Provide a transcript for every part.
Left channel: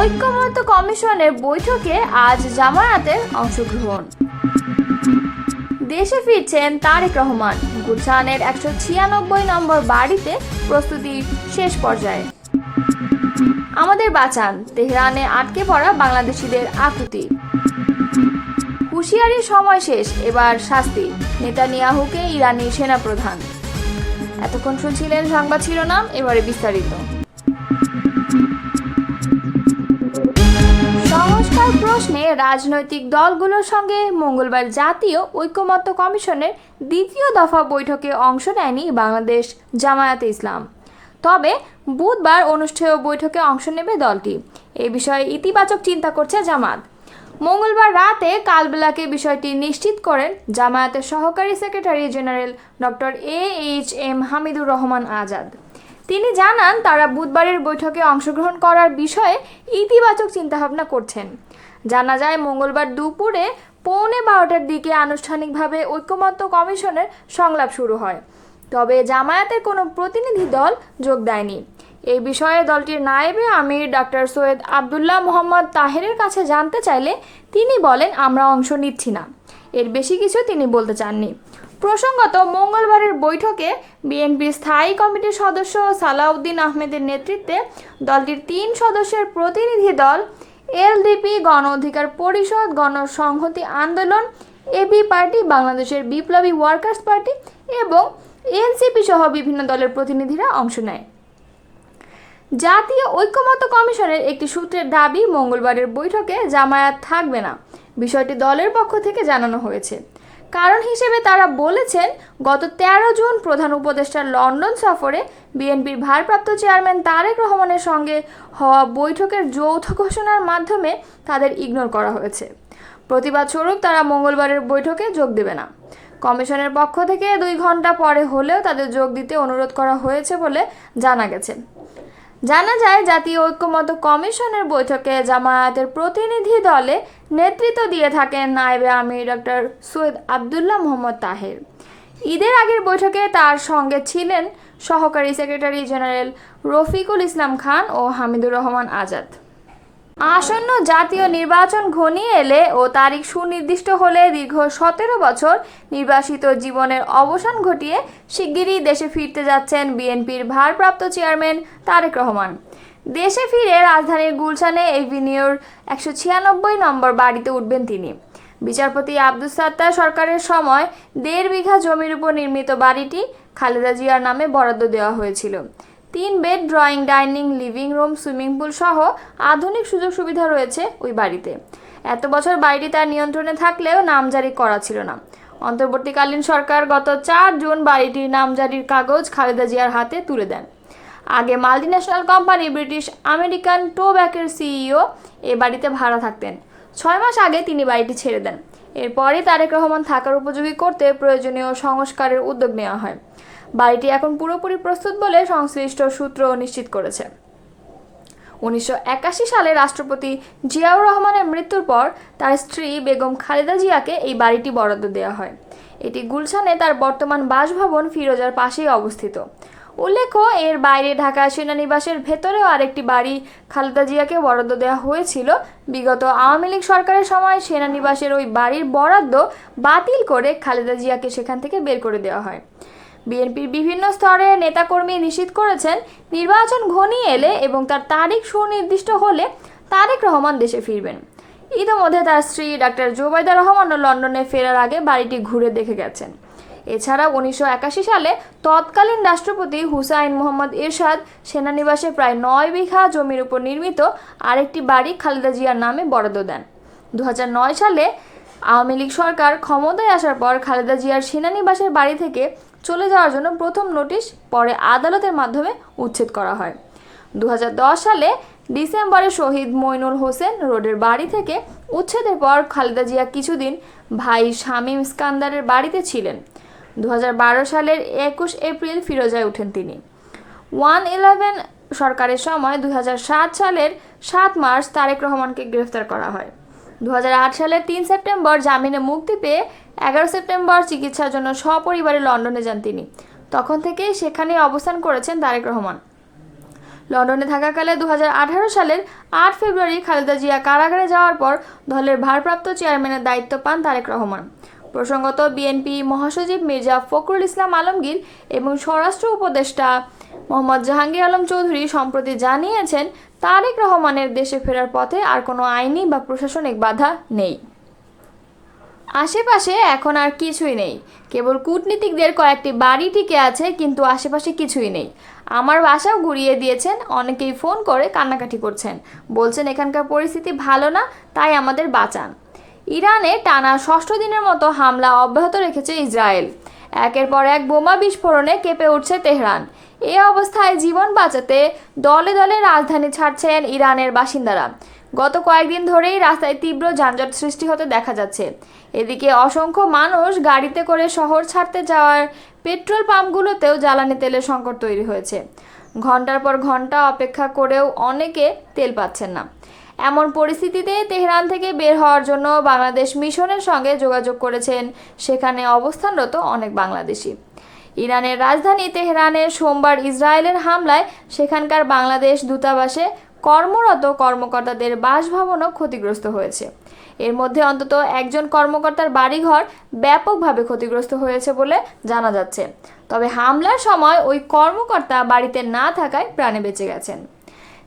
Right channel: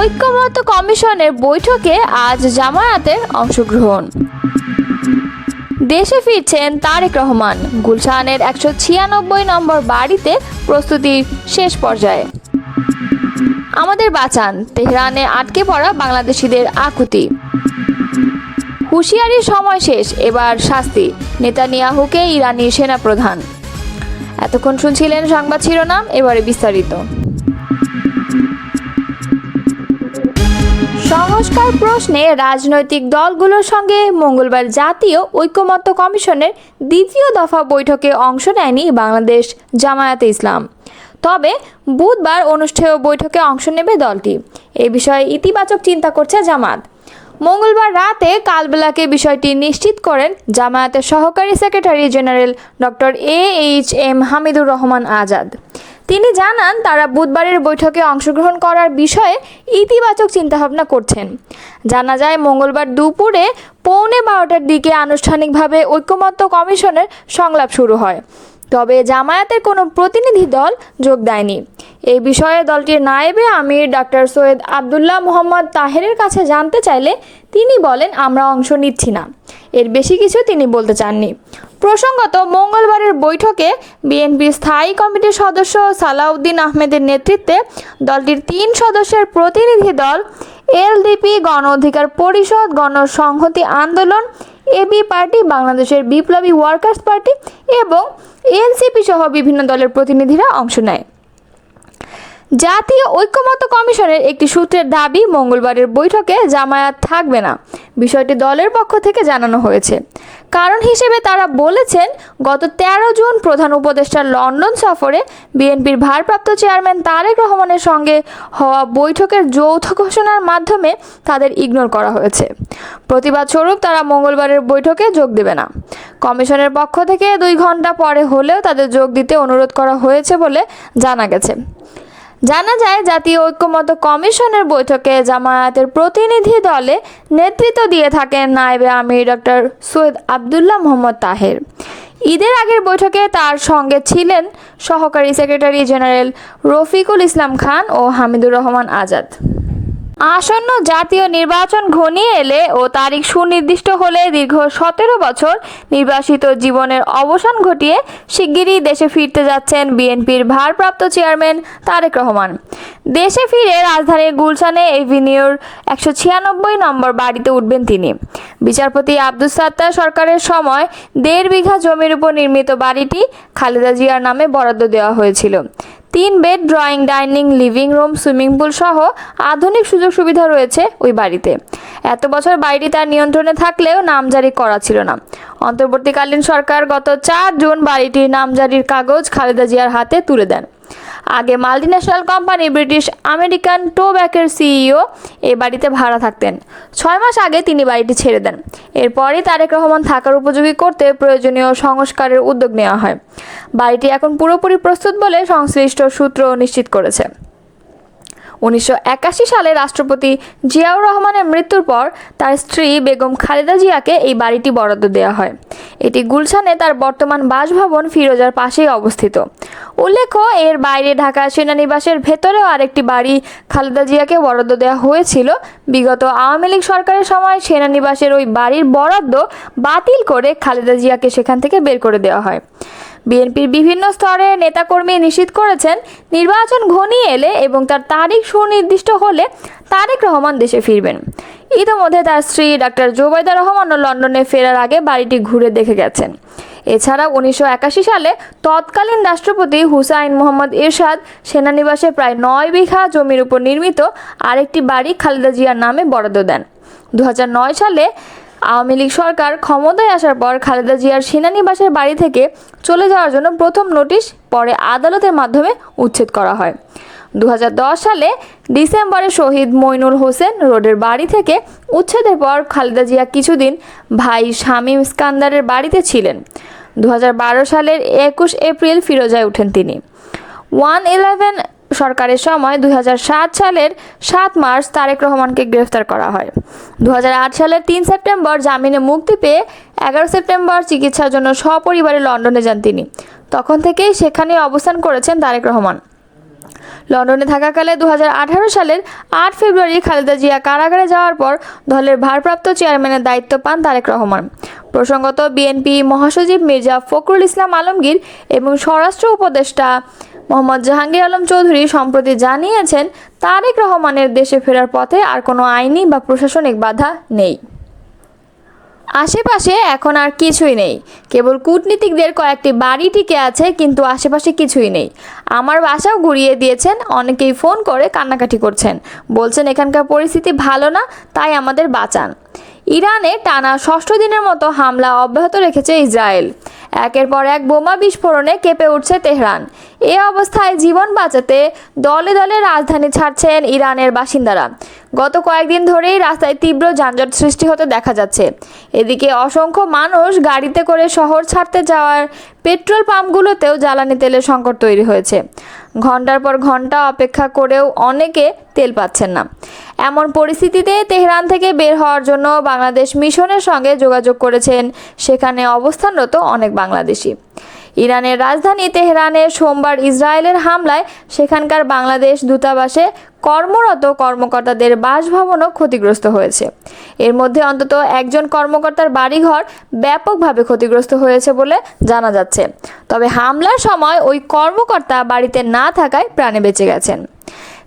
ঐক্যমত্য কমিশনের বৈঠকে আজ জামায়াতের অংশগ্রহণ। দেশে ফিরছেন তারেক রহমান। গুলশানের 196 নম্বর বাড়িতে প্রস্তুতি শেষ পর্যায়ে। আমাদের বাঁচান, তেহরানে আটকে পড়া বাংলাদেশিদের আকুতি। হুঁশিয়ারির সময় শেষ, এবার শাস্তি, নেতানিয়াহুকে ইরানি সেনাপ্রধান। এতক্ষণ শুনছিলেন সংবাদ শিরোনাম, এবারে বিস্তারিত। সংস্কার প্রশ্নে রাজনৈতিক দলগুলোর সঙ্গে মঙ্গলবার জাতীয় ঐক্যমত্য কমিশনের দ্বিতীয় দফা বৈঠকে অংশ নেয়নি বাংলাদেশ জামায়াতে ইসলাম। তবে বুধবার অনুষ্ঠেয় বৈঠকে অংশ নেবে দলটি। এ বিষয়ে ইতিবাচক চিন্তা করছে জামাত। মঙ্গলবার রাতে কালবেলাকে বিষয়টি নিশ্চিত করেন জামায়াতের সহকারী secretary general doctor AHM Hamidur Rahman Azad. তিনি জানান, তারা বুধবারের বৈঠকে অংশগ্রহণ করার বিষয়ে ইতিবাচক চিন্তাভাবনা করছেন। জানা যায়, মঙ্গলবার দুপুরে 11:15টার দিকে আনুষ্ঠানিকভাবে ঐক্যমত্য কমিশনের সংলাপ শুরু হয়। তবে জামায়াতের কোনো প্রতিনিধি দল যোগ দেয়নি। এই বিষয়ে দলটির নায়েবে আমির ডক্টর সৈয়দ আবদুল্লাহ মোহাম্মদ তাহেরের কাছে জানতে চাইলে তিনি বলেন, আমরা অংশ নিচ্ছি না। এর বেশি কিছু তিনি বলতে চাননি। প্রসঙ্গত, মঙ্গলবারের বৈঠকে বিএনপির স্থায়ী কমিটির সদস্য সালাউদ্দিন আহমেদের নেতৃত্বে দলটির 3 সদস্যের প্রতিনিধি দল এলডিপি, গণ অধিকার পরিষদ, গণসংহতি আন্দোলন, এবি পার্টি, বাংলাদেশের বিপ্লবী ওয়ার্কার্স পার্টি এবং এনসিপি সহ বিভিন্ন দলের প্রতিনিধিরা অংশ নেয়। জাতীয় ঐক্যমত্য কমিশনের একটি সূত্রের দাবি, মঙ্গলবারের বৈঠকে জামায়াত থাকবে না। বিষয়টি দলের পক্ষ থেকে জানানো হয়েছে। কারণ হিসেবে তারা বলেছেন, গত 13 জুন প্রধান উপদেষ্টার লন্ডন সফরে বিএনপির ভারপ্রাপ্ত চেয়ারম্যান তারেক রহমানের সঙ্গে হওয়া বৈঠকের যৌথ ঘোষণার মাধ্যমে তাদের ইগনোর করা হয়েছে। প্রতিবাদ স্বরূপ তারা মঙ্গলবারের বৈঠকে যোগ দেবে না। কমিশনের পক্ষ থেকে 2 ঘন্টা পরে হলেও তাদের যোগ দিতে অনুরোধ করা হয়েছে বলে জানা গেছে। জানা যায়, জাতীয় ঐক্যমত্য কমিশনের বৈঠকে জামায়াতের প্রতিনিধি দলে নেতৃত্ব দিয়ে থাকেন নায়েবে আমির ডক্টর সৈয়দ আবদুল্লাহ মোহাম্মদ তাহের। ঈদের আগের বৈঠকে তার সঙ্গে ছিলেন সহকারী সেক্রেটারি জেনারেল রফিকুল ইসলাম খান ও হামিদুর রহমান আজাদ। আসন্ন জাতীয় নির্বাচন ঘনিয়ে এলে ও তারিখ সুনির্দিষ্ট হলে দীর্ঘ 17 বছর নির্বাসিত জীবনের অবসান ঘটিয়ে শিগগিরই দেশে ফিরতে যাচ্ছেন বিএনপির ভারপ্রাপ্ত চেয়ারম্যান তারেক রহমান। দেশে ফিরে রাজধানীর গুলশানে এভিনিউর 196 নম্বর বাড়িতে উঠবেন তিনি। বিচারপতি আব্দুস সাত্তার সরকারের সময় 1.5 বিঘা জমির উপর নির্মিত বাড়িটি খালেদা জিয়ার নামে বরাদ্দ দেওয়া হয়েছিল। 3 bed, drawing, dining, living room, swimming pool সহ আধুনিক সুযোগ সুবিধা রয়েছে ওই বাড়িতে। এত বছর বাড়িটি তার নিয়ন্ত্রণে থাকলেও নামজারি করা ছিল না। অন্তর্বর্তীকালীন সরকার গত 4 জুন বাড়িটির নামজারির কাগজ খালেদা জিয়ার হাতে তুলে দেন। আগে মাল্টিন্যাশনাল কোম্পানি ব্রিটিশ আমেরিকান টোব্যাকোর সিইও এই বাড়িতে ভাড়া থাকতেন। 6 মাস আগে তিনি বাড়িটি ছেড়ে দেন। এরপরই তারেক রহমান থাকার উপযোগী করতে প্রয়োজনীয় সংস্কারের উদ্যোগ নেওয়া হয়। বাড়িটি এখন পুরোপুরি প্রস্তুত বলে সংশ্লিষ্ট সূত্র নিশ্চিত করেছে। 1981 সালে রাষ্ট্রপতি জিয়াউর রহমানের মৃত্যুর পর তার স্ত্রী বেগম খালেদা জিয়াকে এই বাড়িটি বরাদ্দ দেওয়া হয়। এটি গুলশানে তার বর্তমান বাসভবন ফিরোজার পাশেই অবস্থিত। উল্লেখ্য, এর বাইরে ঢাকা সেনানিবাসের ভেতরেও আরেকটি বাড়ি খালেদা জিয়াকে বরাদ্দ দেওয়া হয়েছিল। বিগত আওয়ামী লীগ সরকারের সময় সেনানিবাসের ওই বাড়ির বরাদ্দ বাতিল করে খালেদা জিয়াকে সেখান থেকে বের করে দেওয়া হয়। বিএনপির বিভিন্ন স্তরের নেতাকর্মী নিশ্চিত করেছেন, নির্বাচন ঘনিয়ে এলে এবং তার তারিখ সুনির্দিষ্ট হলে তারেক রহমান দেশে ফিরবেন। ইতিমধ্যে তার স্ত্রী ডাক্তার জোবাইদা রহমানও লন্ডনে ফেরার আগে বাড়িটি ঘুরে দেখে গেছেন। এছাড়া 1981 সালে তৎকালীন রাষ্ট্রপতি হুসাইন মোহাম্মদ এরশাদ সেনানিবাসে প্রায় 9 বিঘা জমির উপর নির্মিত আরেকটি বাড়ি খালেদা জিয়ার নামে বরাদ্দ দেন। 2009 সালে আওয়ামী লীগ সরকার ক্ষমতায় আসার পর খালেদা জিয়ার সেনানিবাসের বাড়ি থেকে চলে যাওয়ার জন্য প্রথম নোটিশ পরে আদালতের মাধ্যমে উচ্ছেদ করা হয়। 2010 সালে ডিসেম্বরে শহীদ মইনুল হোসেন রোডের বাড়ি থেকে উচ্ছেদের পর খালেদা জিয়া কিছুদিন ভাই শামীম ইস্কান্দারের বাড়িতে ছিলেন। 2012 সালের 21 এপ্রিল ফিরোজায় ওঠেন তিনি। 111 সরকারের সময় 2007 সালের 7 মার্চ তারেক রহমানকে গ্রেফতার করা হয়। 2008 সালের 3 সেপ্টেম্বর জামিনে মুক্তি পেয়ে 11 সেপ্টেম্বর চিকিৎসার জন্য সপরিবারে লন্ডনে যান তিনি। তখন থেকেই সেখানে অবস্থান করেছেন তারেক রহমান। লন্ডনে থাকাকালে 2018 সালের 8 ফেব্রুয়ারি খালেদা জিয়া কারাগারে যাওয়ার পর দলের ভারপ্রাপ্ত চেয়ারম্যানের দায়িত্ব পান তারেক রহমান। প্রসঙ্গত, বিএনপি মহাসচিব মির্জা ফখরুল ইসলাম আলমগীর এবং স্বরাষ্ট্র উপদেষ্টা মোহাম্মদ জাহাঙ্গীর আলম চৌধুরী সম্প্রতি জানিয়েছেন, তারেক রহমানের দেশে ফেরার পথে আর কোনো আইনি বা প্রশাসনিক বাধা নেই। আশেপাশে এখন আর কিছুই নেই, কেবল কূটনীতিকদের কয়েকটি বাড়ি টিকে আছে, কিন্তু আশেপাশে কিছুই নেই। আমার বাসাও ঘুরিয়ে দিয়েছেন, অনেকেই ফোন করে কান্নাকাটি করছেন, বলছেন এখানকার পরিস্থিতি ভালো না, তাই আমাদের বাঁচান। ইরানে টানা 6ষ্ঠ দিনের মতো হামলা অব্যাহত রেখেছে ইসরায়েল। একের পর এক বোমা বিস্ফোরণে কেঁপে উঠছে তেহরান। এ অবস্থায় জীবন বাঁচাতে দলে দলে রাজধানী ছাড়ছেন ইরানের বাসিন্দারা। গত কয়েকদিন ধরেই রাস্তায় তীব্র যানজট সৃষ্টি হতে দেখা যাচ্ছে। এদিকে অসংখ্য মানুষ গাড়িতে করে শহর ছাড়তে যাওয়ার পেট্রোল পাম্পগুলোতেও জ্বালানি তেলের সংকট তৈরি হয়েছে। ঘন্টার পর ঘন্টা অপেক্ষা করেও অনেকে তেল পাচ্ছেন না। এমন পরিস্থিতিতে তেহরান থেকে বের হওয়ার জন্য বাংলাদেশ মিশনের সঙ্গে যোগাযোগ করেছেন সেখানে অবস্থানরত অনেক বাংলাদেশি। ইরানের রাজধানী তেহরানে সোমবার ইসরায়েলের হামলায় সেখানকার বাংলাদেশ দূতাবাসে কর্মরত কর্মকর্তাদের বাসভবনও ক্ষতিগ্রস্ত হয়েছে। এর মধ্যে অন্তত একজন কর্মকর্তার বাড়িঘর ব্যাপকভাবে ক্ষতিগ্রস্ত হয়েছে বলে জানা যাচ্ছে। তবে হামলার সময় ওই কর্মকর্তা বাড়িতে না থাকায় প্রাণে বেঁচে গেছেন।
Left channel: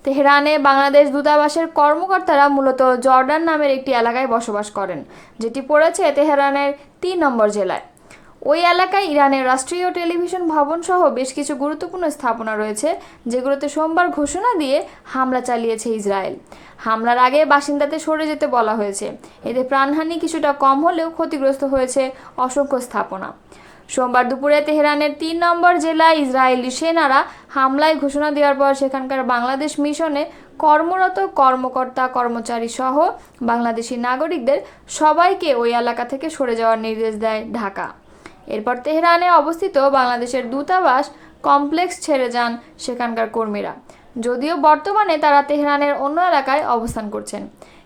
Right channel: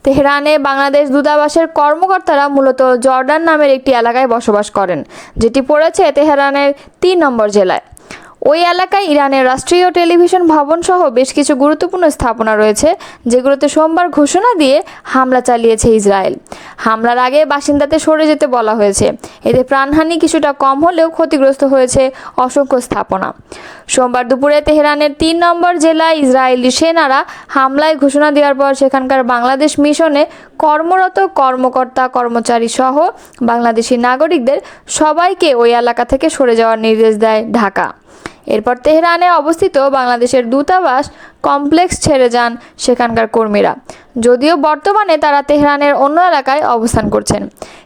তেহরানে বাংলাদেশ দূতাবাসের কর্মকর্তারা মূলত জর্ডান নামের একটি এলাকায় বসবাস করেন, যেটি পড়েছে তেহরানের 3 নম্বর জেলায়। ওই এলাকায় ইরানের রাষ্ট্রীয় টেলিভিশন ভবন সহ বেশ কিছু গুরুত্বপূর্ণ স্থাপনা রয়েছে, যেগুলোতে সোমবার ঘোষণা দিয়ে হামলা চালিয়েছে ইসরায়েল। হামলার আগে বাসিন্দাদের সরে যেতে বলা হয়েছে। এতে প্রাণহানি কিছুটা কম হলেও ক্ষতিগ্রস্ত হয়েছে অসংখ্য স্থাপনা। সোমবার দুপুরে তেহরানের 3 নম্বর জেলায় ইসরায়েলি সেনারা হামলায় ঘোষণা দেওয়ার পর সেখানকার বাংলাদেশ মিশনে কর্মরত কর্মকর্তা কর্মচারী সহ বাংলাদেশি নাগরিকদের সবাইকে ওই এলাকা থেকে সরে যাওয়ার নির্দেশ দেয় ঢাকা। এরপর তেহরানে অবস্থিত বাংলাদেশের দূতাবাস কমপ্লেক্স ছেড়ে যান সেখানকার কর্মীরা। যদিও বর্তমানে তারা তেহরানের অন্য এলাকায় অবস্থান করছেন,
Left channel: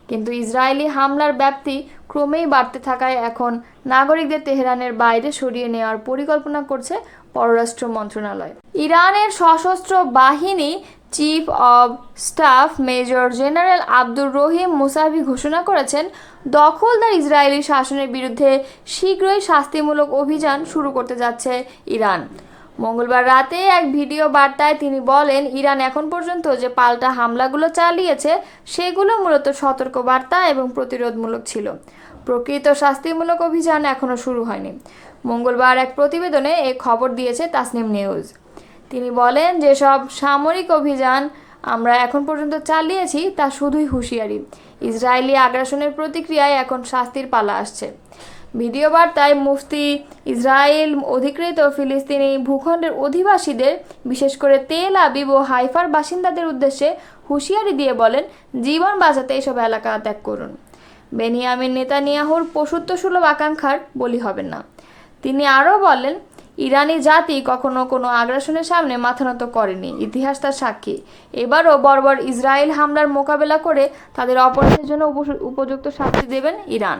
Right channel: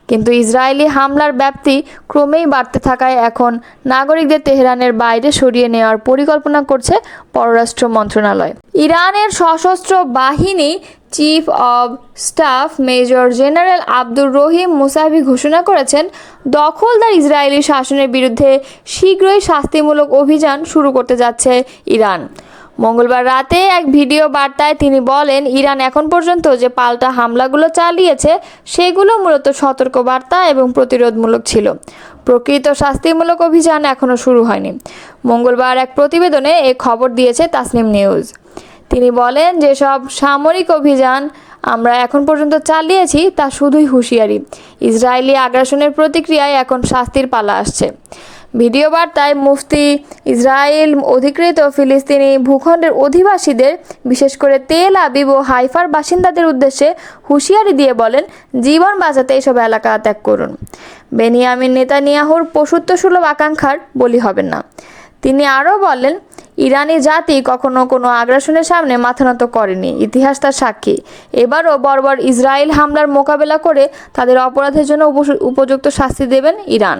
কিন্তু ইসরায়েলি হামলার ব্যাপ্তি ক্রমেই বাড়তে থাকায় এখন নাগরিকদের তেহরানের বাইরে সরিয়ে নেওয়ার পরিকল্পনা করছে পররাষ্ট্র মন্ত্রণালয়। ইরানের সশস্ত্র বাহিনী chief of staff major general Abdur Rahim Musavi ঘোষণা করেছেন, দখলদার ইসরায়েলি শাসনের বিরুদ্ধে শীঘ্রই শাস্তিমূলক অভিযান শুরু করতে যাচ্ছে ইরান। মঙ্গলবার রাতে এক ভিডিও বার্তায় তিনি বলেন, ইরান এখন পর্যন্ত যে পাল্টা হামলাগুলো চালিয়েছে সেগুলো মূলত সতর্কবার্তা এবং প্রতিরোধমূলক ছিল। প্রকৃত শাস্তিমূলক অভিযান এখনও শুরু হয়নি। মঙ্গলবার এক প্রতিবেদনে এ খবর দিয়েছে তাসনিম নিউজ। তিনি বলেন, যেসব সামরিক অভিযান আমরা এখন পর্যন্ত চালিয়েছি তা শুধুই হুঁশিয়ারি। ইসরায়েলি আগ্রাসনের প্রতিক্রিয়ায় এখন শাস্তির পালা আসছে। ভিডিও বার্তায় মুফতি ইসরায়েল অধিকৃত ফিলিস্তিনি ভূখণ্ডের অধিবাসীদের, বিশেষ করে তেল আবিব ও হাইফার বাসিন্দাদের উদ্দেশ্যে হুঁশিয়ারি দিয়ে বলেন, জীবন বাঁচাতে এসব এলাকা ত্যাগ করুন। বেনিয়ামিন নেতানিয়াহুর পশুত্বসুলভ আকাঙ্ক্ষার বলি হবেন না। তিনি আরও বলেন, ইরানি জাতি কখনো কোনো আগ্রাসনের সামনে মাথা নত করেনি, ইতিহাস তার সাক্ষী। এবারও বর্বর ইসরায়েল হামলার মোকাবেলা করে তাদের অপরাধের জন্য উপযুক্ত শাস্তি দেবেন ইরান।